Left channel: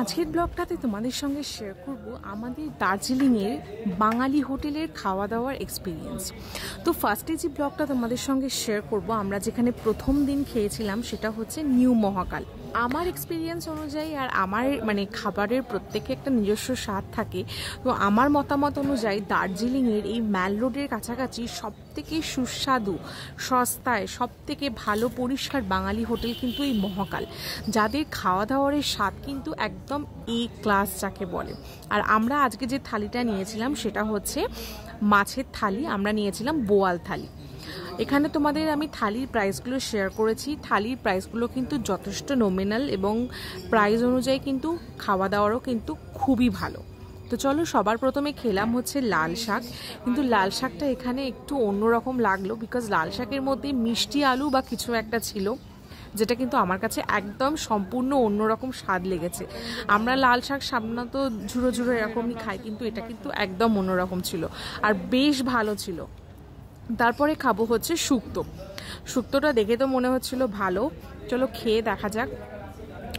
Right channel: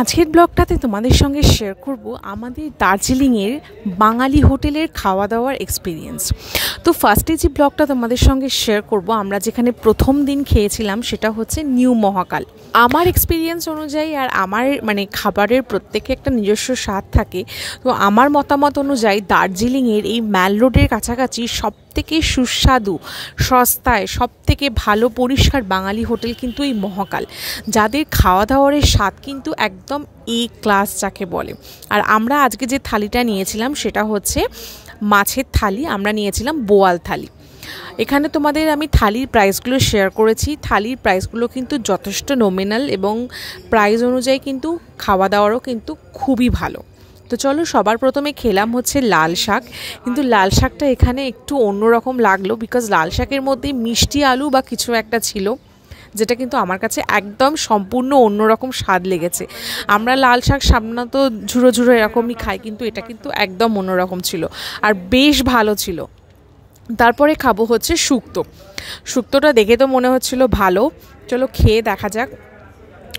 আজকের ব্লগটাতে তোমাদের সঙ্গে শেয়ার করব আমাদের দার্জিলিংয়ের বাঙালি হোটেলের খাওয়া দাওয়ার এক্সপিরিয়েন্স। তো ফার্স্টে যে ব্লগটা তোমাদের সঙ্গে শেয়ার করব, আমরা যেখানে প্রথম দিন খেয়েছিলাম সেটা হচ্ছে নিউ মহাকাল। আমার এক্সপিরিয়েন্স অনুযায়ী আর আমার খাবারের প্রত্যেকে একটা নিজস্ব স্বাদ থাকে। তো আমার মতামত অনুযায়ী দার্জিলিংয়ের এই ম্যাল রোডের কাছাকাছি সবথেকে সুস্বাদু, সস্তায়, সবথেকে ভালো পরিষ্কার বাঙালি হোটেল কিন্তু এই মহাকাল, যাদের খাওয়া দাওয়ার স্বাদ কিন্তু একদম এ ক্লাস যাকে বলে। আর আমরা আজকে যে থালিটা নিয়েছিলাম সেটা হচ্ছে মাছের থালি, আমরা নিয়েছিলাম বোয়াল থালি। এখানে তোমাদের আমি থালির প্রাইসগুলো শেয়ার করেছি। থালির প্রাইসগুলো কিন্তু যথেষ্ট নমিনাল এবং প্রাইস অনুযায়ী কিন্তু খাওয়া দাওয়ারও কিন্তু খুবই ভালো। তো চলো, সবার প্রথমে খেলাম হচ্ছে লাল শাক। কিন্তু লাল শাকটা এখানে একটু অন্যরকম লাগলো, বিকজ লাল শাকের মধ্যে মিষ্টি আলু বা কিছু একটা ছিল, যেটা কিন্তু আমার কাছে একদম সম্পূর্ণ অন্যরকম স্বাদ লেগেছে। আমরা লাল শাক সাধারণত ঝুড়ো ঝুড়ো এরকমই খাই, কিন্তু এটা কিন্তু একদম অন্যরকম ছিল আর বেশ ভালো ছিল। তারপরে খাবো হচ্ছে শুক্তো। শুক্তোটা দেখে তো মনে হচ্ছিল ভালো, চলো খেয়ে দেখা যাক।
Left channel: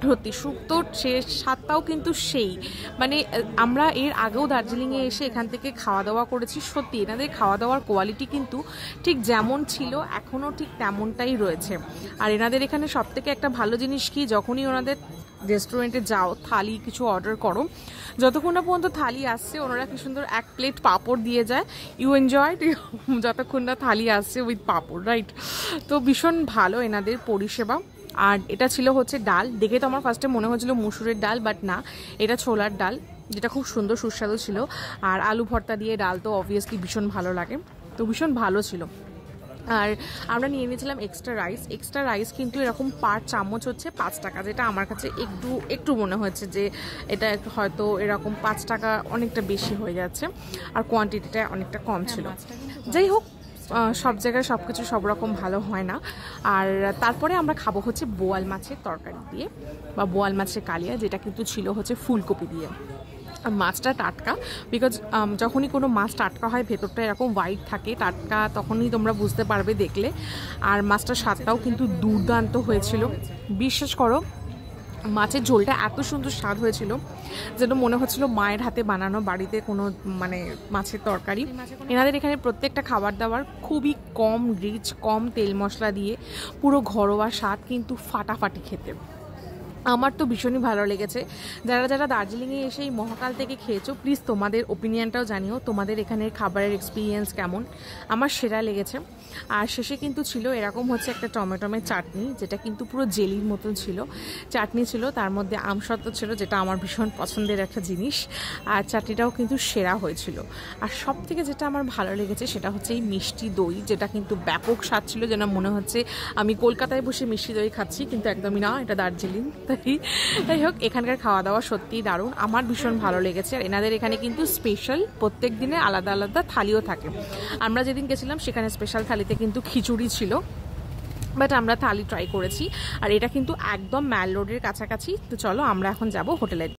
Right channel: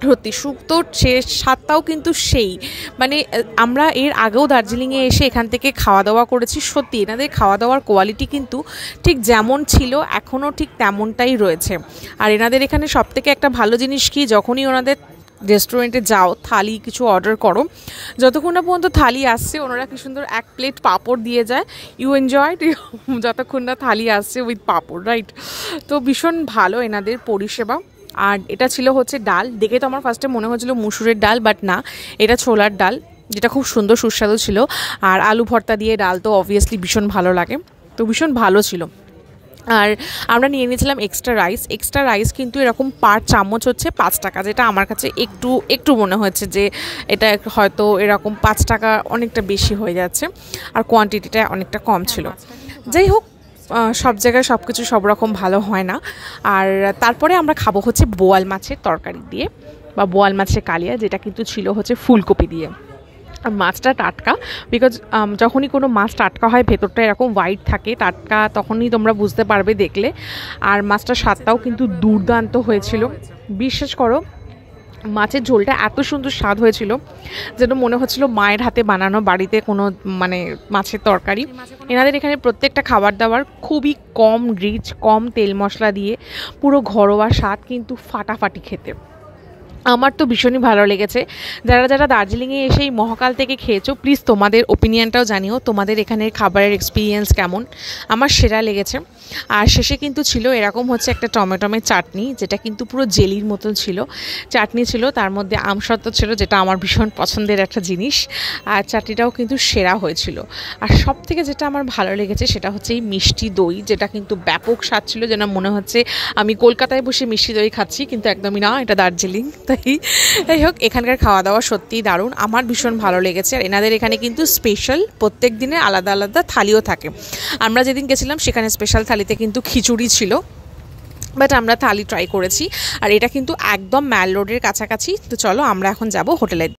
সত্যি শুক্তোর স্বাদটাও কিন্তু সেই, আমরা এর আগেও দার্জিলিংয়ে এসে এখান থেকে খাওয়া দাওয়া করেছি। সত্যি এনাদের খাওয়া দাওয়ার কোয়ালিটি কিন্তু ঠিক যেমন ছিল এখনও ঠিক তেমনটাই রয়েছে। আর এনাদের এখানে সবথেকে একটা ভালো জিনিস কি, যখনই ওনাদের রেস্টুরেন্টে যাও, থালি কিছু অর্ডার করো, যতক্ষণ না পর্যন্ত থালি আসছে ওনারা কি সুন্দর এক প্লেট পাঁপড় দিয়ে যায়। ইউ এনজয় যতক্ষণ না থালি আসছে উইথ পাঁপড়, রাইট? তো ভীষণ ভালো এনাদের পরিষেবা। আর এটা ছিল হচ্ছে ডাল। দেখে তো আমার ফার্স্টে মনে হচ্ছিল মুসুরের ডাল, বাট না, এটা ছোলার ডাল, যেটা খুব সুন্দর সুস্বাদু ছিল। আর আলু ভর্তা দিয়ে ডাল তো অবভিয়াসলি ভীষণ ভালো লাগে, তো ভীষণ ভালো ছিল। আর আমরা নিয়ে নিয়েছিলাম এক্সট্রা রাইস। এক্সট্রা রাইস কিন্তু এরকম পার চামচ হচ্ছে 5 টাকা, যেটা আমার কাছে একটু মনে হচ্ছে যে এটা হয়তো এরকম 5 টাকা অনেকটা বেশি হয়ে যাচ্ছে, আর কোয়ান্টিটিটা অনেকটা কম ছিল। যাই হোক, সব জায়গায় সব কিছু সব রকম ভালো হয় না। আর তারপরে আমরা খাবো হচ্ছে বোয়াল মাছের তরকারি দিয়ে বা বোয়াল মাছের কালিয়া, যেটা কিন্তু ছিল হচ্ছে ফুলকপি দিয়ে। মাছটা টাটকা, বিকজ যখনই কোনো মাছ টাটকা হয় ভেতরটা এরকম হোয়াইট থাকে টাটকা, তখনই তোমরা বুঝতে পারবে দেখলে। আর মাছটার স্বাদটাও কিন্তু দুর্দান্ত হয়েছিল। বিশ্বাস করো, মাছের ঝোলটা এত সুন্দর স্বাদ হয়েছিল যেন মনে হচ্ছিল মায়ের হাতে বানানো বাড়িতে কোনো মাছের তরকারি। এনাদের এখানে প্রত্যেকটা খাবার দাবার খুবই কম রিচ, কম তেল মশলা দিয়ে পুরো ঘরোয়া স্বাদ, কিন্তু ফাটাফাটি খেতে। আমার তো ভীষণই ভালো লেগেছে। যারা যারা দার্জিলিংয়ে এসে এই মহাকাল থেকে খেয়েছো, প্লিজ তোমাদের ওপিনিয়নটাও জানিও, তোমাদের এখানের খাবারের এক্সপিরিয়েন্স কেমন। আমার সেরা লেগেছে। আর শেষে কিন্তু ছিল এরকম হচ্ছে একটা টমেটোমের চাটনি, যেটা কিন্তু পুরো জেলির মতন ছিল। চাটনি ছিল, তার মধ্যে আমসত্ত্ব ছিল, যেটা আমার ভীষণ পছন্দের একটা জিনিস। আর চাটনিটাও কিন্তু সেরা হয়েছিল। আর সব থেকে যেটা আমার ভালো লেগেছে সেটা হচ্ছে এই মিষ্টি দই, যেটা কিন্তু ব্যাপক স্বাদ ছিল, যেন মনে হচ্ছে আমি কলকাতায় বসে মিষ্টি দই খাচ্ছি, কিন্তু একদমই না, এটা দার্জিলিং। যাই হোক, এখানকার খাওয়া দাওয়া সত্যিই দারুণ, আমার ভীষণ ভালো লেগেছে। আর এনাদের এখানে কিন্তু স্পেশাল প্রত্যেক দিনে আলাদা আলাদা থালিও থাকে। আমরা যেদিন গেছিলাম সেখানে স্পেশাল থালিতে কিন্তু খিচুড়ি ছিল, বাট আমরা থালি ট্রাই করেছি। আর এটা কিন্তু একদম ম্যাল রোডের কাছাকাছি। তো চলো আমরা এখন যাব হোটেলে।